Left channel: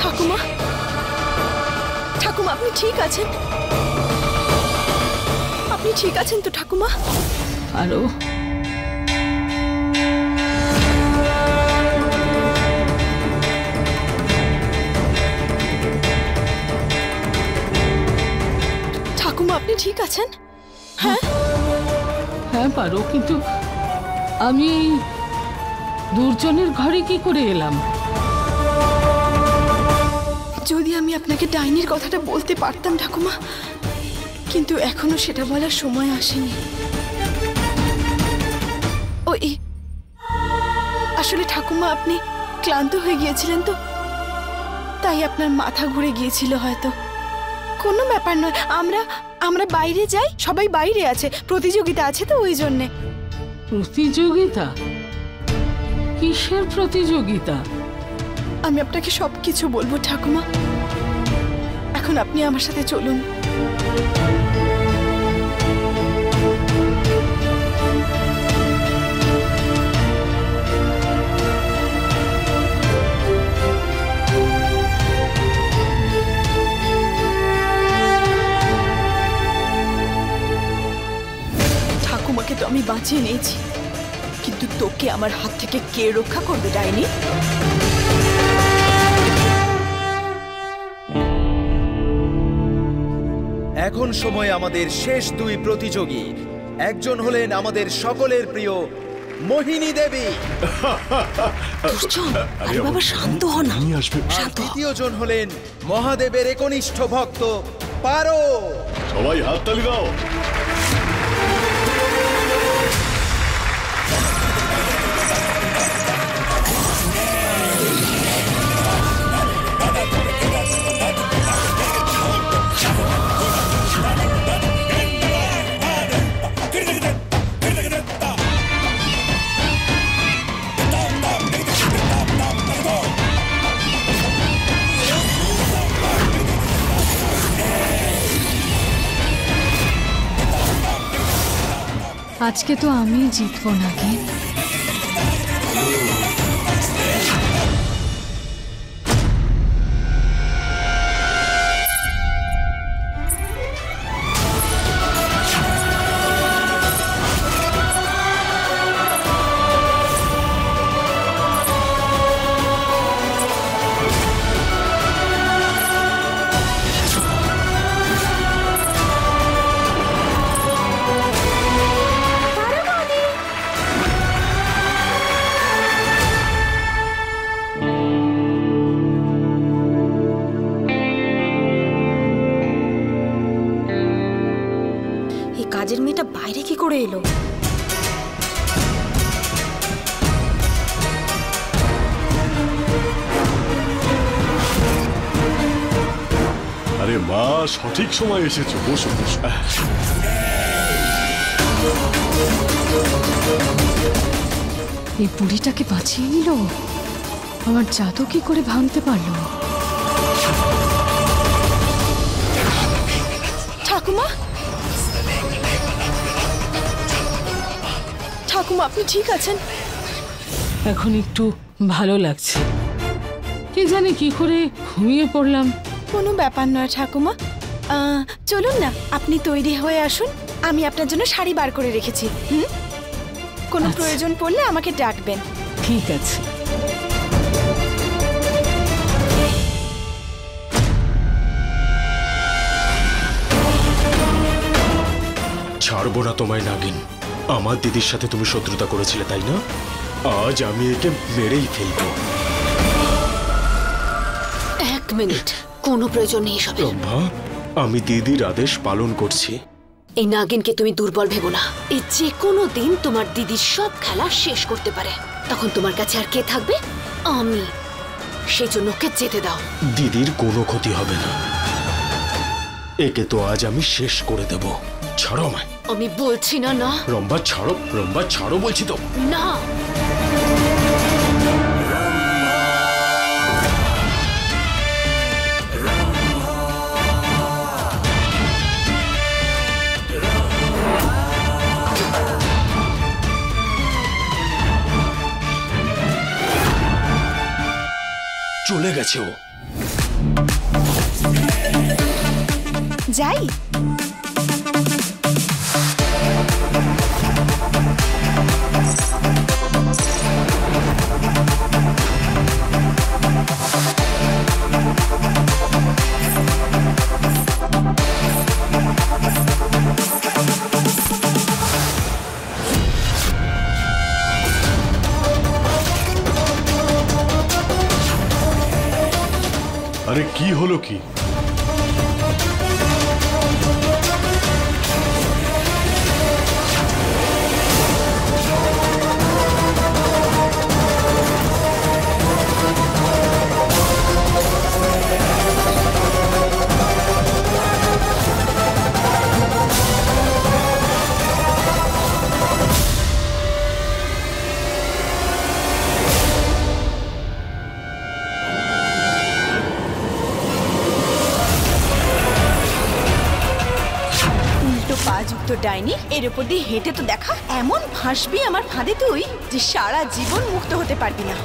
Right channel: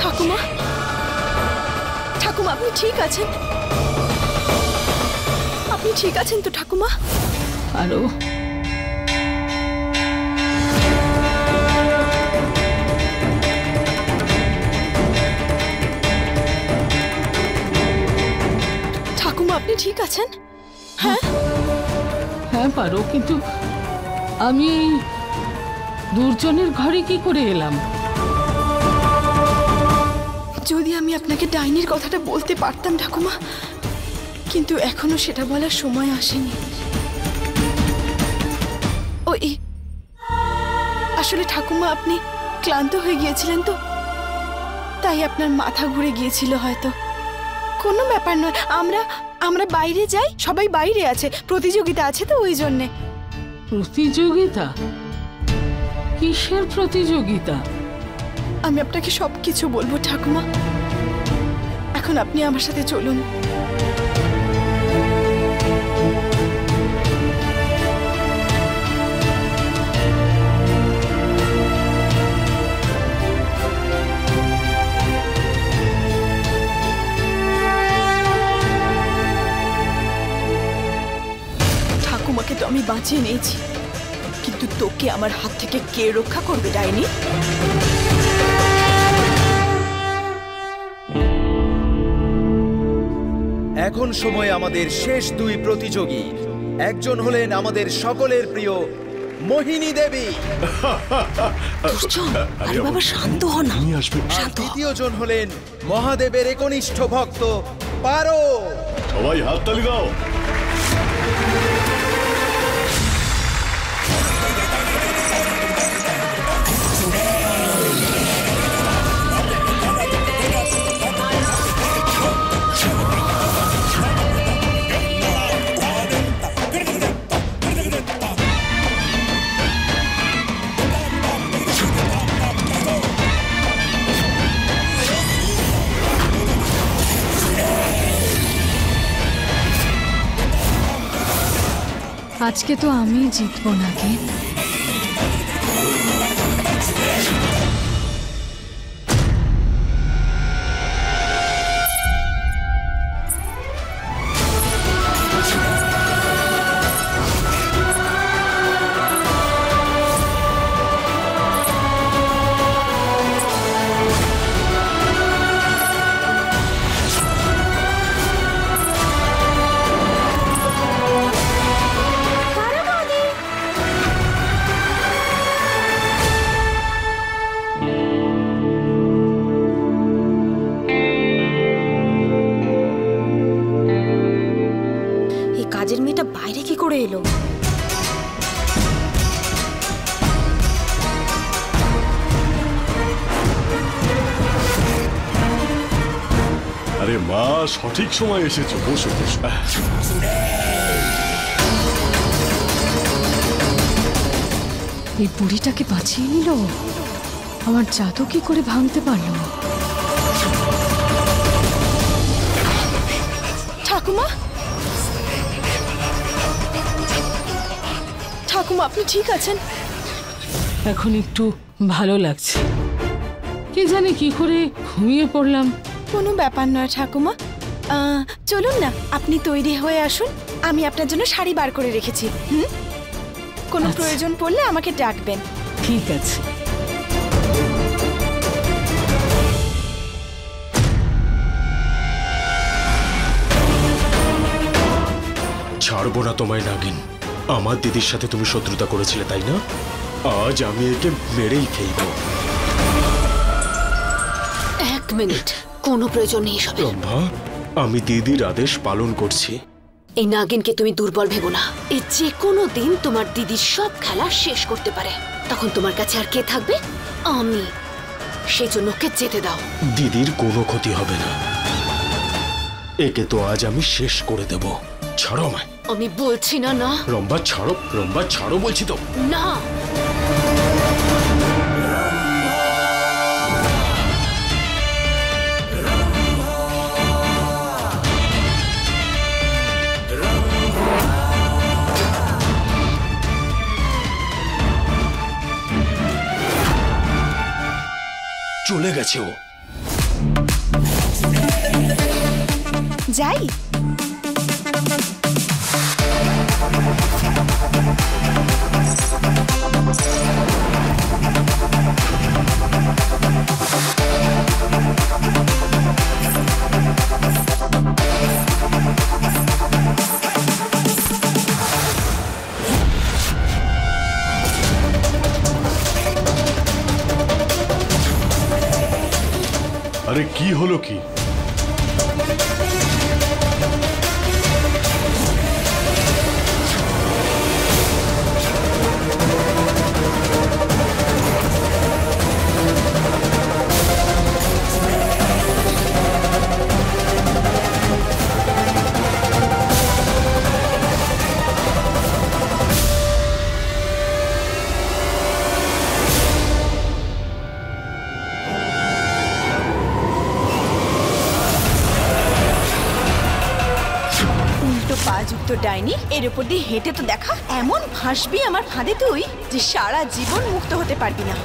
ঠাকুমা, ঠাকুমা আপনি ঠিক আছেন? আপনি ঠিক আছেন তো ঠাকুমা? আরো ঠাকুমা আপনি ঠিক আছেন? হ্যাঁ হ্যাঁ পারো, কিন্তু আমি এই দুর্জনের ঘরে কি করে এলাম? যদি আমি আপনাকে ডাইনির কথাটা বলতে পারতাম ঠাকুমা, কিন্তু এখনো সেটা বলার সময় আসেনি। ওই আসলে ঠাকুমা আপনি ক্লান্ত হয়ে গিয়েছিলেন তো, তাই আপনার মাথা ঘুরে গিয়েছিল হয়তো। কোনো ব্যাপার নয়, আমরা বাইরে যাই, সবাই বাইরে আছে, প্রতিযোগিতা আছে তো ওই জন্যে। প্রতিযোগিতা? কিসের প্রতিযোগিতা? আমি আপনাকে সবকিছু বলবো ঠাকুমা, এখন আপনি আমার সাথে চলুন। ঠাকুমাকে তো আমি বাঁচিয়ে নিয়েছি, কিন্তু তোকে আমার হাত থেকে কে রক্ষা করবে ডাইনি? এখন সময় আমাদের শেষ দুই প্রতিযোগী। একজন হলেন আমাদের সকলের প্রিয় মোহিনী দেবী, আরে বাবা শান্ত হ না। আর দ্বিতীয় জন হলেন মহাদেবের একনিষ্ঠ ভক্ত পারো। সবাই হাততালি দাও। আজকে তো আমি জিতবো নাগিন। কাজের মেয়েটা বাইরে কি করে এলো? আরে মা, সঠিক সময় এসেছো, বসো বসো। এই বুড়িটাকে বাঁচিয়ে নিল, আমার জাদু কি করে ভাঙতে পারলো? ঠাকুমা, ঠাকুমা আপনি ঠিক আছেন? এখন একটু ভালো লাগছে, কি জানি কি করে ঘুমিয়ে পড়লাম। কোনো ব্যাপার নয় ঠাকুমা, চলুন না, আপনি তৈরি হয়ে আসুন, আমি আপনার জন্য শাড়ি বার করে রেখেছি। কোনো আচ্ছা। প্রয়োজন পড়লে আমাকে ডাকবেন। ঠিক আছে। ছাড়বো না তোমায় নাগিন। আমার দিদির সাথে তুমি শত্রুতা করেছিলে, তাই না? আজ আমি একে মেরেই ফেলবো। এক মিনিট, কোনো প্রয়োজন নেই সব। রম্ভা, আমি দিদির আদেশ পালন করছি। এই নাগিনকে তুমি দুর্বল ভেবো না, এই যে কোনো দিন তোমার দিদির সব খেলা শেষ করতে পারে, তখন তোমার কাছে আর কে থাকবে? আমি। সেই জন্য ওকে যেতে দাও। দিদির কোনো ক্ষতি হবে না, একে তো আজ আমি শেষ করে দেব। ছাড়ো আমায়। আমি বলছি না। না রম্ভা ছাড়ো, রম্ভা ছাড়ো বলছি তো। না। চলে গেছে ও। যাই। আরে কি হলো কি? পাযুক্ত ডাইনি, এর উপর দিয়ে হেঁটে তো দেখা। এমন ফাঁসবি আমার ফাঁদে তুই যে সারা জীবন মুক্ত হতে পারবি না।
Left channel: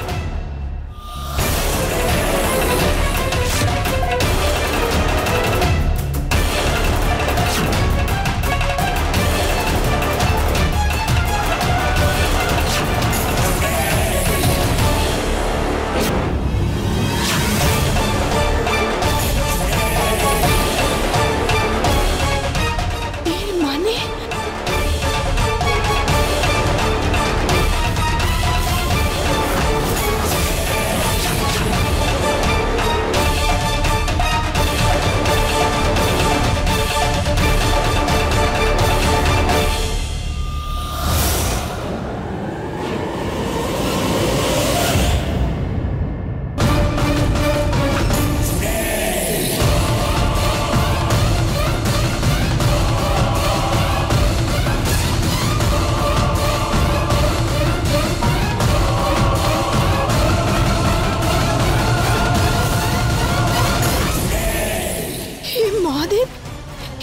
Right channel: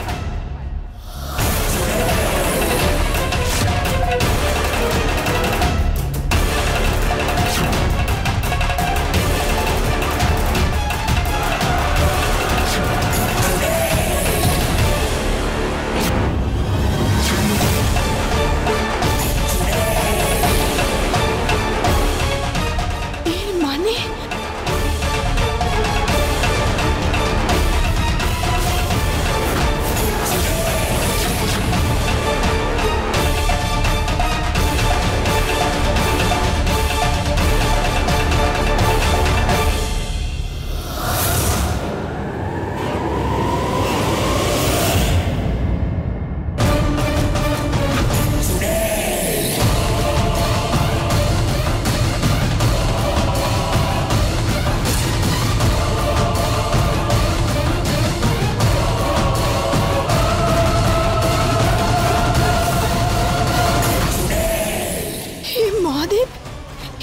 মহাদেব,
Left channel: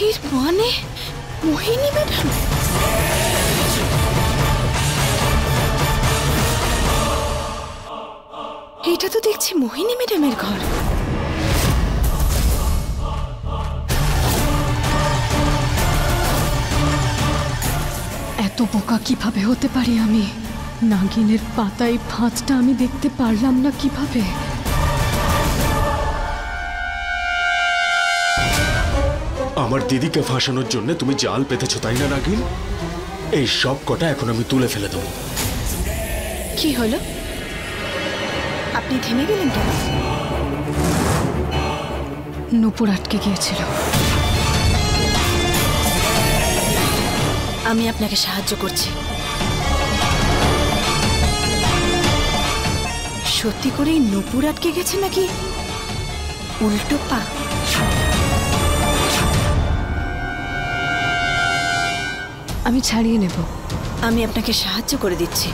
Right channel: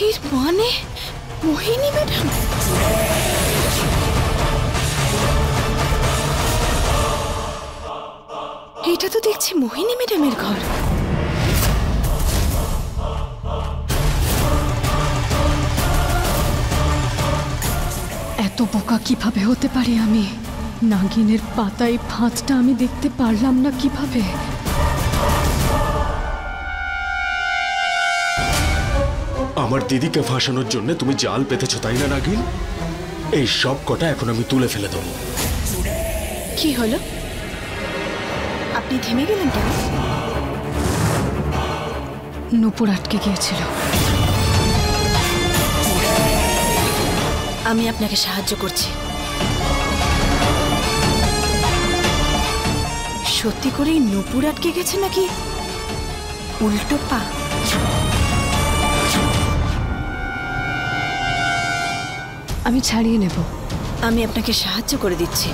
এর মানে মোহিনী ম্যাডাম। এটা তো দেখছি মোহিনী ম্যাডামের ঘর। এত বোকা কিভাবে হতে পারি আমি? নাগিনের পাতায় ফাঁদটা আমি দেখতে পারলাম না কিভাবে? আমার দিদিকে ফাঁসানোর জন্য তুমি জাল পেতেছো, তাই না নাগিন? এই সব কটা এখন আমি তুলে ফেলে দেবো। কি হলো? আপনি থেমে গেলেন কেন? নূপুর আটকে গিয়েছিল। আমি আপনাকে সাহায্য করছি। সত্যি করেই নূপুর আটকে গেছে নাকি উল্টো পা? আমি ছাড়িয়ে নেব। আমি আপনাকে সাহায্য করে দিচ্ছি।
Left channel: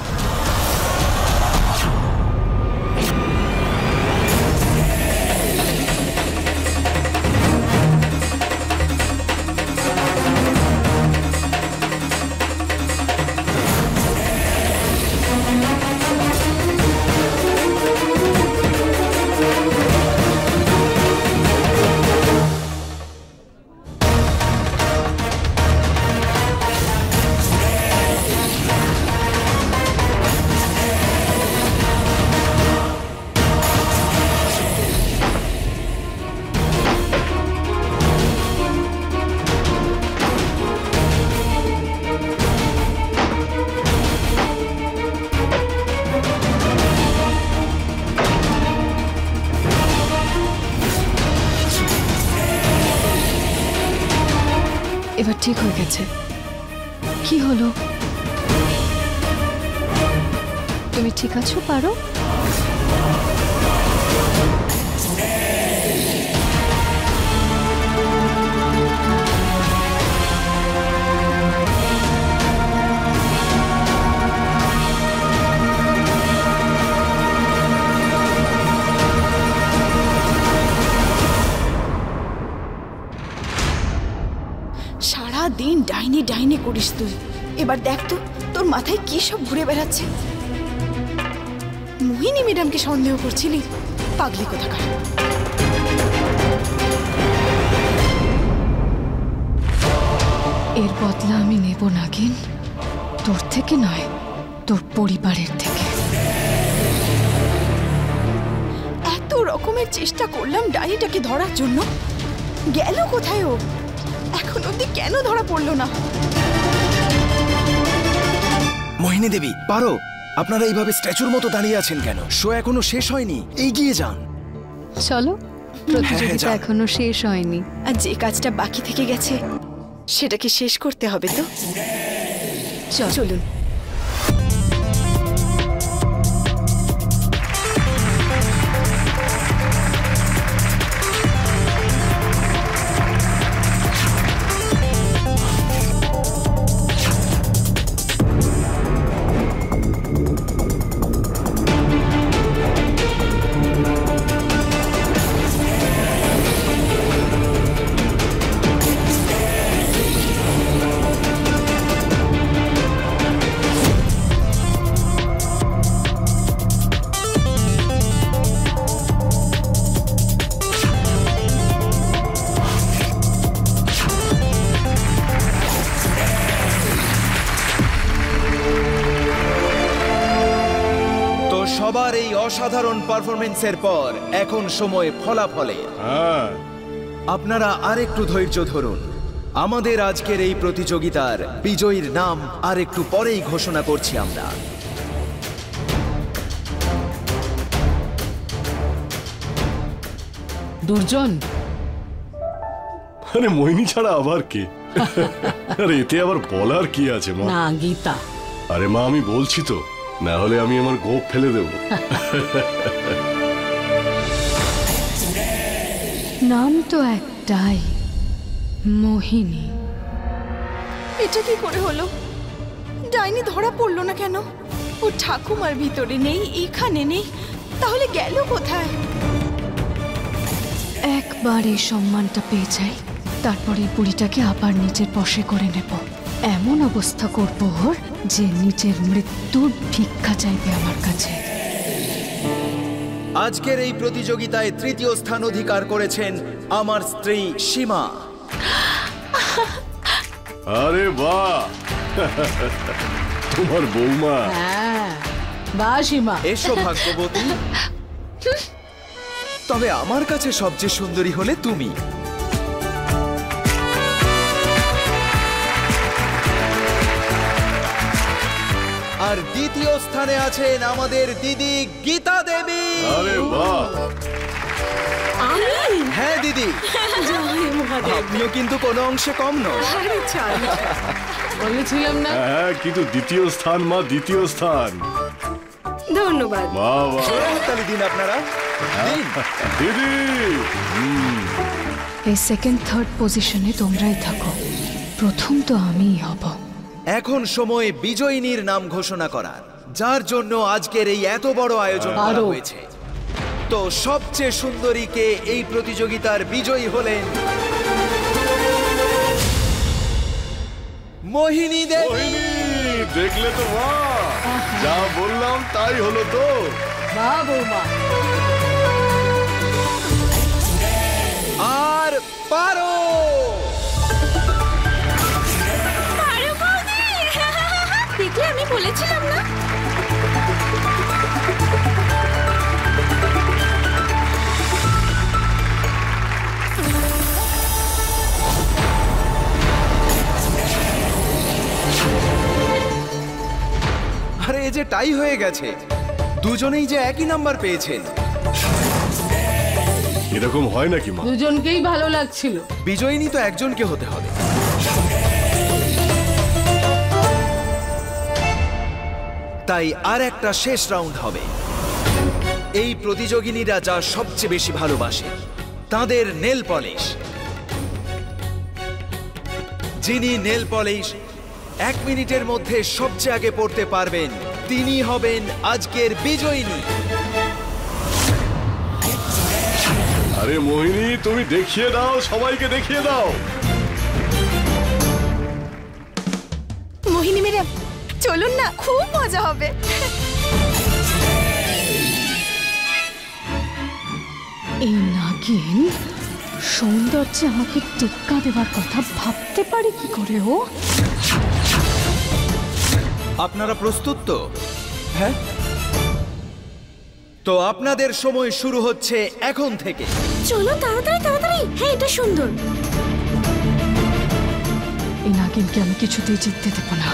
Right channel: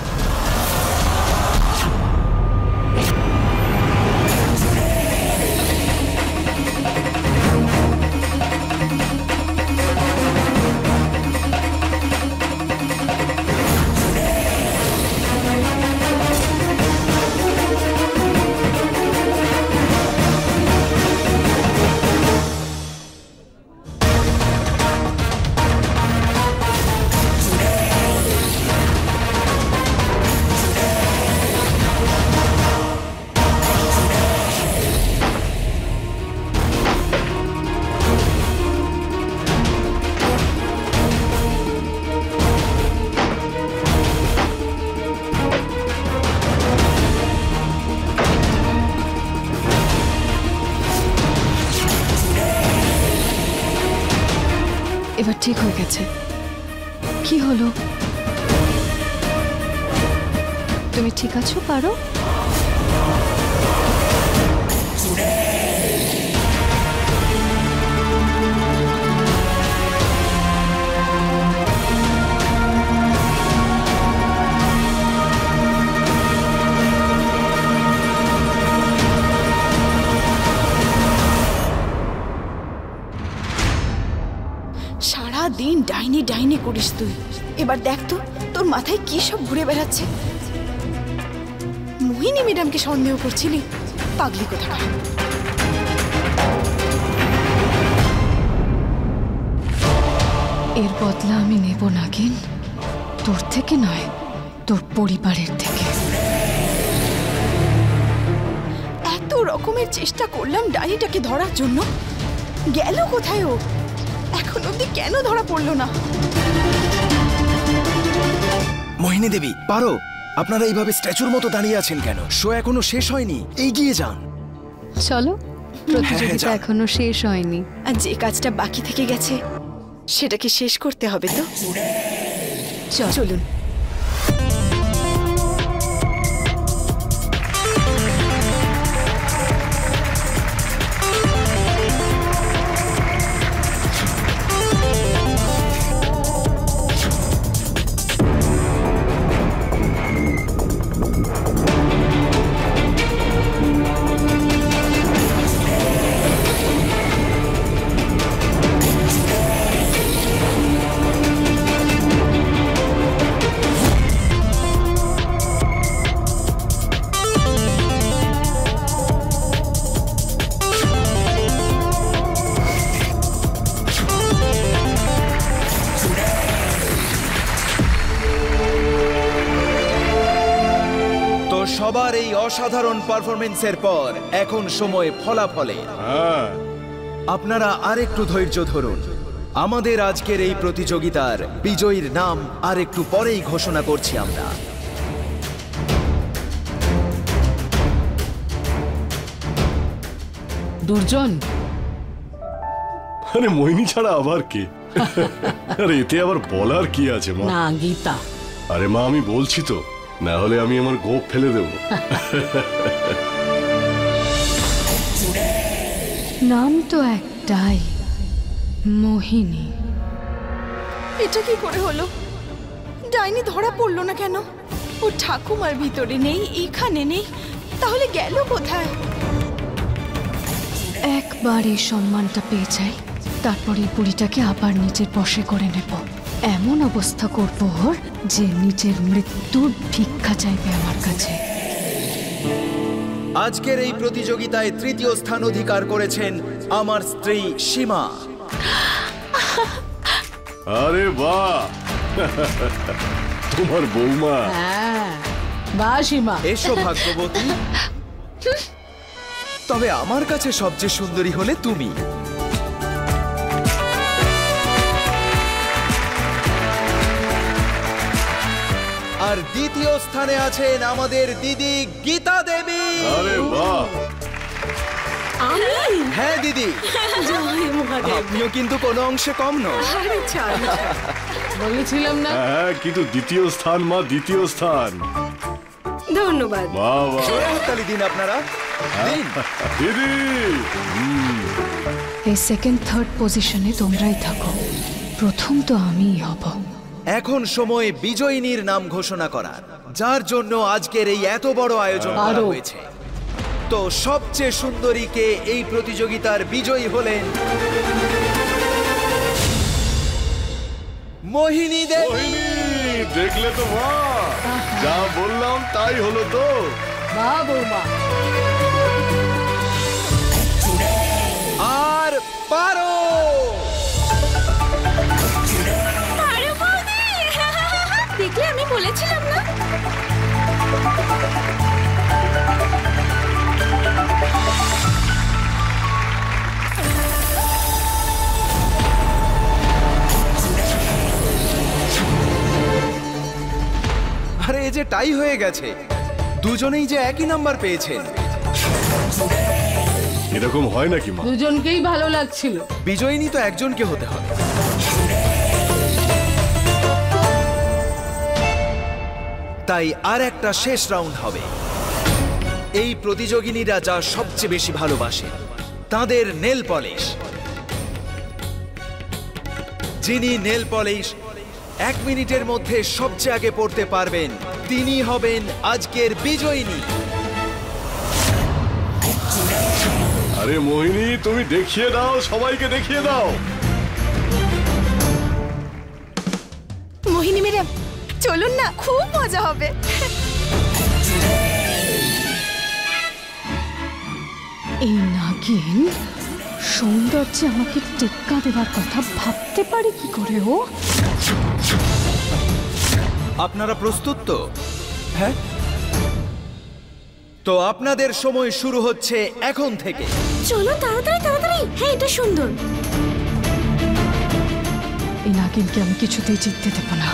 এবার ঠিক হয়ে গেছে। কি হলো? তুমি ঠিক আছো? পারো? সারাদিন ডাইনি ডাইনি করিস তুই। এবার দেখ তো তোর মাথায় কি সব ঘুরে বেড়াচ্ছে। মোহিনী ম্যাডামকে সন্দেহ করছিলি? পাগলি কোথাকার। এর বদলা আমি নেব নাগিন, তোর থেকে নয়, তোর পরিবারের থেকে। এত রকমের চেষ্টা করলাম ডাইনিটাকে ধরার জন্য, গেল কোথায় ও? এখন অবধি কেন ধরা পড়লো না? মোহিনী দেবী, পারো, আপনারা এইভাবে স্ট্যাচুর মতো দাঁড়িয়ে আছেন কেন? শো এখনো শেষ হয়নি, এগিয়ে যান। চলো, প্রতিযোগিতা যান। এখনো শেষ হয়নি। আর যে কাজটা বাকি থেকে গেছে সেটাকে শেষ করতে হবে তো। চলুন। সবার এই অসাধারণ পারফরমেন্সের পর এখন সময় ফলাফলের। হ্যাঁ, আপনারা আরেকটু ধৈর্য ধরুন। আমাদের আজকের এই প্রতিযোগিতার বিজয়ীর নাম আর একটু পরেই ঘোষণা করছি আমরা। দুর্জন, আরে মোহিনী ছাড়া আবার কে? আরে এতে আবার বলার কি আছে মা? না গীতা। আরে মা, আমি বলছি তো, না হলে আমি আমার গোপ ফেলে দেব। নাম তো একটাই, মোহিনী। এটা কি করে হলো? ডাইনি ধরা পড়লো না কেন? ও ঠাকুমার ভিতরে নেই, এখানে নেই, তাহলে গেল কোথায়? একবার এই সম্মানটা পেয়ে যাই, তারপর এই বুড়িটাকে আবার নিজের বশে করে নেব। এমন অবস্থা করব ওর যে নিজের মৃত্যুর ভিক্ষা চাইবে আমার কাছে। আজকের এই প্রতিযোগিতায় তৃতীয় স্থান অধিকার করেছেন আমার স্ত্রী সীমা। আরে বাহ, তোমার বৌমা। হ্যাঁ, বা সীমা। এসো ভাগ্যবতী। তবে আমার কাছে সবচেয়ে সুন্দরী হলে তুমি। আর দ্বিতীয় স্থানে আছেন আমাদের দিদি গীতা দেবী। আরে বাহ, হ্যাঁ দিদি, আপনিও কিন্তু কোনো অংশে কম নয়। বলেছিলাম না। হ্যাঁ, কিন্তু দ্বিতীয় স্থান মা, দ্বিতীয় স্থান। ধন্যবাদ। বাহ বাহ, তালি দিন আপনারা, দিন। দিদি। এই সেকেন্ড থার্ড পজিশনে তোমরাই থাকো, প্রথম তো আমিই হব। এখন সময় বিজয়িনীর নাম ঘোষণা করার, যার জন্য আজকের এই এত বড় আয়োজন করা আরো। হয়েছে। তো সবচেয়ে সুন্দরীকে এই প্রতিযোগিতার বিজয়ী হলেন মোহিনী দেবী। মোহিনী, দেখলে তো মা, যা বললাম তাই হলো তো। বা বৌমা। আর পারো। দেখলে আমি বলেছিলাম না? আরে এই যে টাই হয়ে গেছে, দুজনেই যে একই নাম্বার পেয়েছেন। এরকম হয় নাকি মা? দুজনকেই ভালো লাগছিল। বিজয়িনী তো একজনকে হতে হবে। তাই আর একটা শেষ রাউন্ড হবে। এই প্রতিযোগিনীরা যা সবচেয়ে বেশি ভালোবাসে, তাদের নেল পলিশ। যিনি নেল পলিশ 1 মিনিটের মধ্যে সবচেয়ে আগে পড়তে পারবেন, তিনি হবেন আজকের বিজয়িনী। আরে মোহিনী, তুমি দেখিয়ে দাও, সবাইকে দেখিয়ে দাও। মোহিনী ম্যাডাম, চলুন না, খুব মজা হবে। এই নাগিন সৌন্দর্যে আমাকে টেক্কা দেওয়ার কথা ভাবতে পারে কি করে ও? আপনারা প্রস্তুত তো? হ্যাঁ, তো আপনাদের সময় শুরু হচ্ছে এখন থেকে। চলো তাড়াতাড়ি তাড়াতাড়ি। হ্যাঁ, এটা সুন্দর। এই নাগিনকে আমি কিছুতেই জিততে দেব না।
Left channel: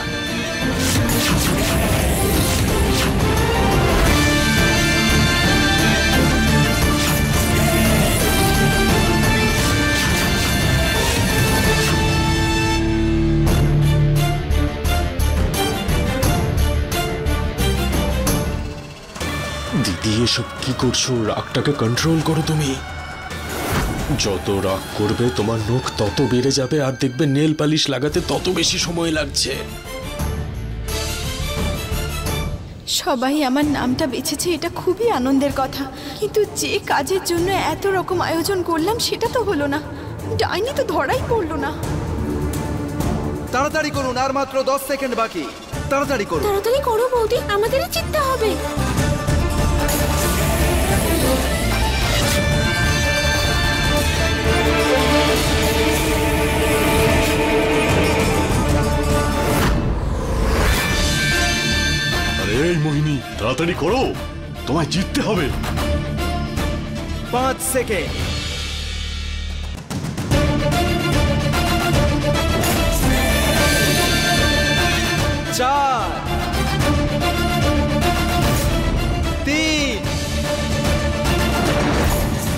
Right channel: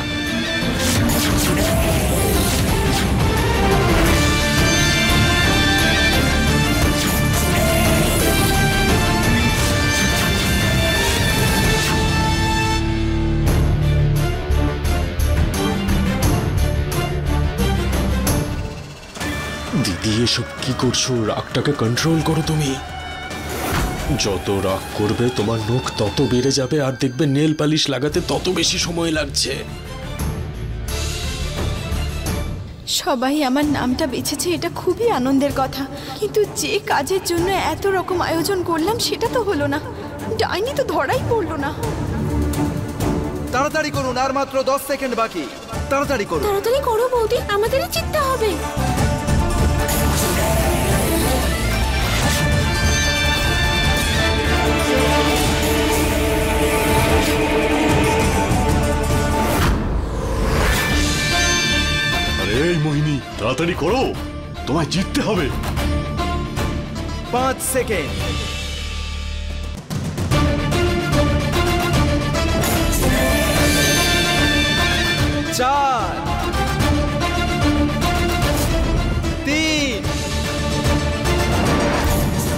দিদি এসব কি করছো? রাগটাকে কন্ট্রোল করো তুমি। যত রাগ করবে তোমার নখ তত বেড়ে যাবে, আর দেখবে নেল পালিশ লাগাতে তত বেশি সময় লাগছে। সবাই আমার নামটা বেছেছে, এটা খুবই আনন্দের কথা, কিন্তু যে কাজের জন্য এত রকম আয়োজন করলাম সেটা তো হলো না। ডাইনি তো ধরাই পড়লো না। তাড়াতাড়ি করুন, আর মাত্র 10 সেকেন্ড বাকি। তাড়াতাড়ি করুন। তাড়াতাড়ি করো বৌদি, আমাদেরই জিততে হবে। আরে এই মোহিনী, তাড়াতাড়ি করো, তোমায় জিততে হবে। 5 সেকেন্ড। 4, 3,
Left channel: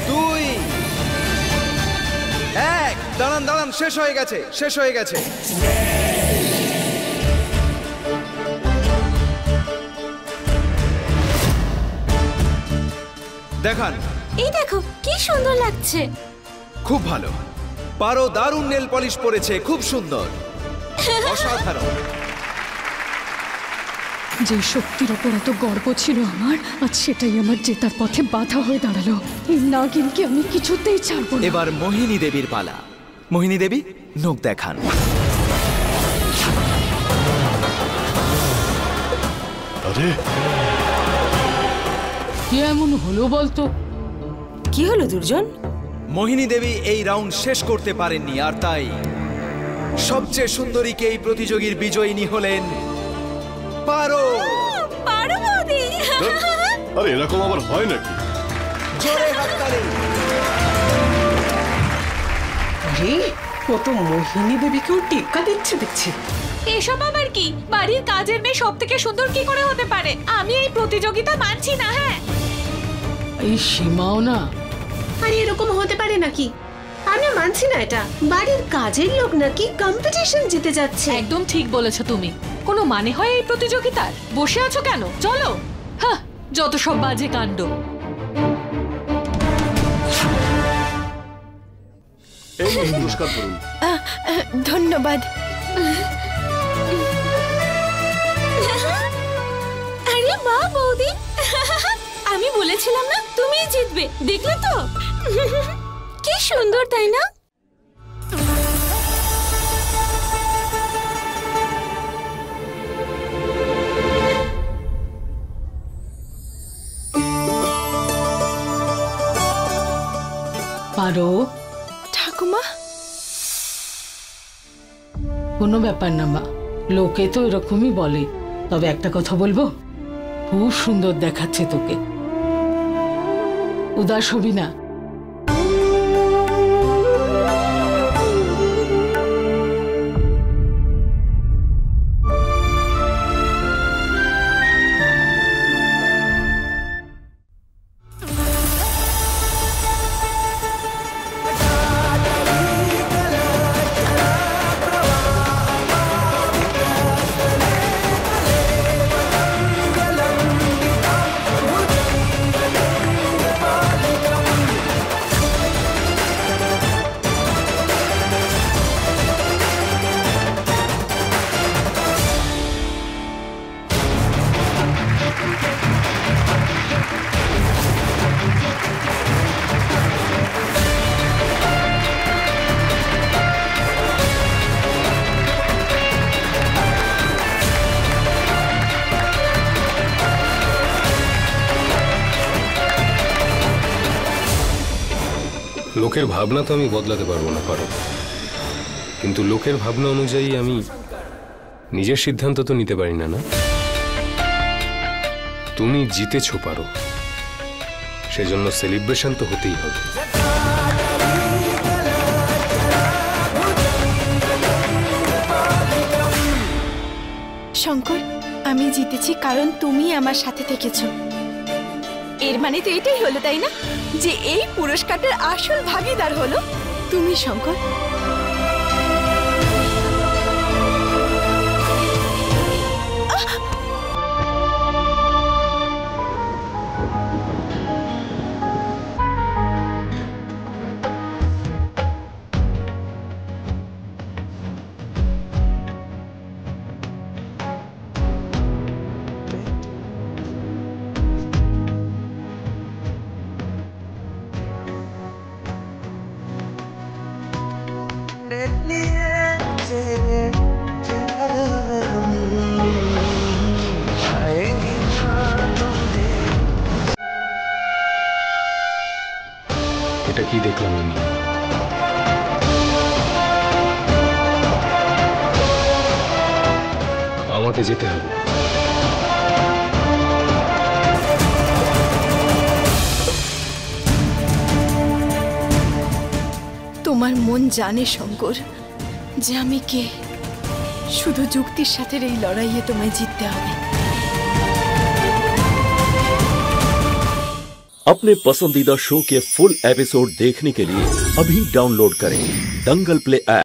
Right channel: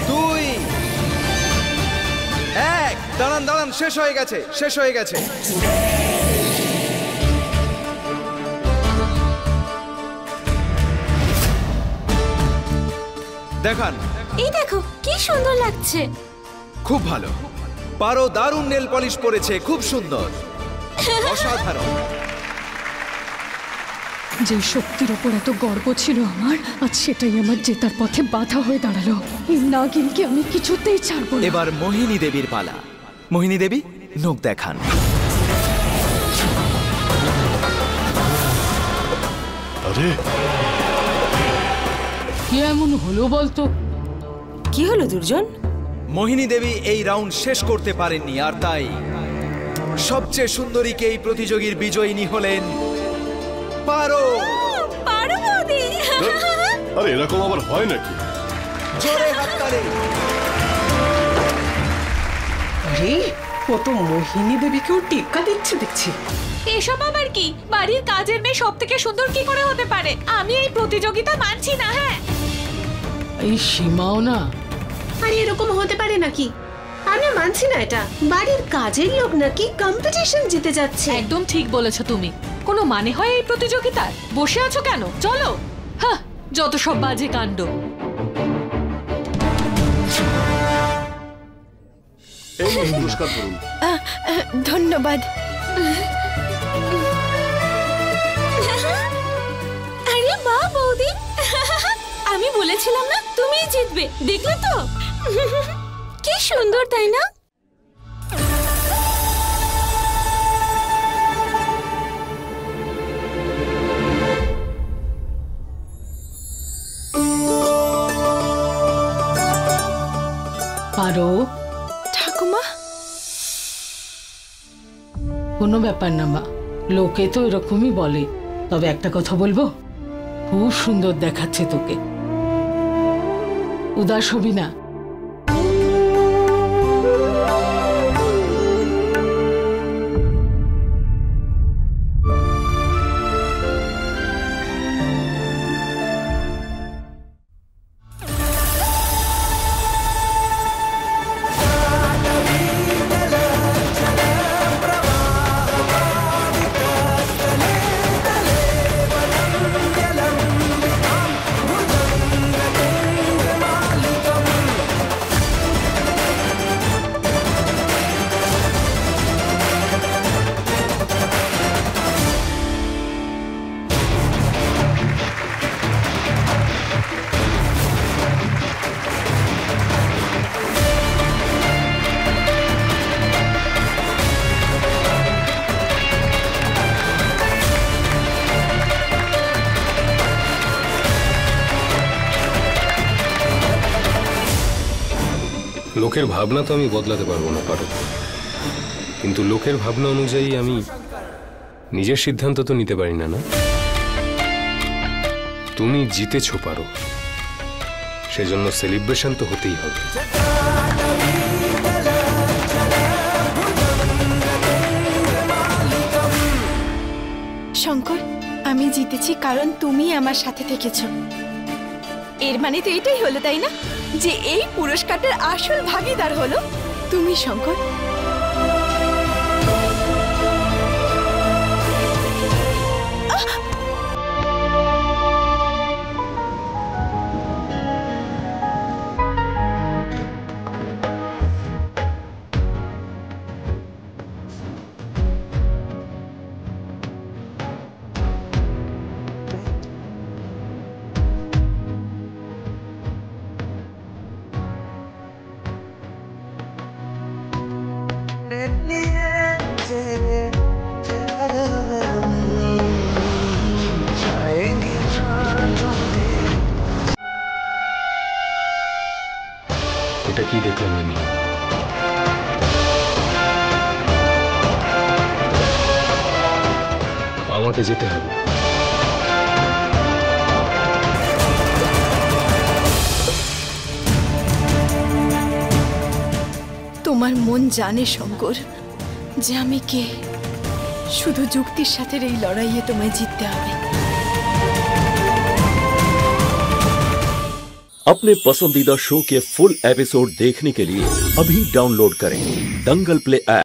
2, 1। দাঁড়ান দাঁড়ান, শেষ হয়ে গেছে, শেষ হয়ে গেছে। দেখান। এই দেখো কি সুন্দর লাগছে। খুব ভালো, পারো দারুণ নেল পলিশ পরেছে, খুব সুন্দর, অসাধারণ। যে শক্তির ওপর এত গর্ব ছিল আমার, আজ সেটাই আমার জেতার পথে বাধা হয়ে দাঁড়ালো। এই নাগিনকে আমি কিছুতেই ছাড়বো না। এবার মোহিনী দেবীর পালা। মোহিনী দেবী, নখ দেখান। আরে কি এমন হলো বলতো? কি হলো দুর্জন? মোহিনী দেবী এই রাউন্ড শেষ করতে পারেননি, আর তাই সবচেয়ে সুন্দরীকে এই প্রতিযোগীর বিজয়িনী হলেন পারো। পারো বৌদি। আরে এরকম আবার হয় নাকি? জোরে হাততালি। আরে ও তো মোহিনী দেবীকেও টেক্কা দিচ্ছে দেখছি। এসব আবার কি? বাড়ির কাজের মেয়ে সব থেকে সুন্দর কি করে হতে পারে? আমি এই প্রতিযোগিতা মানছি না। হ্যাঁ, এই সীমাও না। আরে এরকম হতে পারে নাকি? আমি মানছি না এটা। বাড়ির কাজের লোক নাকি কম্পিটিশন জিতে যাচ্ছে। একদম ঠিক বলেছো তুমি। কোনো মানে হয় এই প্রতিযোগিতার? বসে আছো কেন? চলো। হ্যাঁ, যত সব বাজে কাণ্ড। এই পুরস্কার করুন। ধন্যবাদ। আরে বাহ বৌদি, আমি বলেছিলাম না তুমিই জিতবে। দেখলে তো কি সুন্দর, তাই না? পারো, ঠাকুমা, কোনো ব্যাপার না মা, লোকে তো এরকমই বলে। তবে একটা কথা বলবো, খুব সুন্দর দেখাচ্ছে তোকে। উদাস হবি না। লোকের ভাবনা তো আমি বদলাতে পারবো না, পারো, কিন্তু লোকের ভাবনা অনুযায়ী আমি নিজের সিদ্ধান্ত তো নিতে পারি না। না, তুমি জিতেছো, পারো, সেজন্য সেলিব্রেশন তো হতেই হবে। শঙ্কর, আমি জিতেছি কারণ তুমি আমার সাথে থেকেছো। এর মানে তো এটাই হলো, তাই না, যে এই পুরস্কারটার আসল ভাগীদার হলো তুমি, শঙ্কর। এটা কি দেখলাম আমি? আমাকে যেতে হবে। তোমার মন জানে শঙ্কর যে আমি কে। শুধু যুক্তির সাথে এই লড়াইয়ে তোমায় জিততে হবে। अपने पसंदीदा शो के फुल एपिसोड देखने के लिए अभी डाउनलोड करें दंगल प्ले ऐप।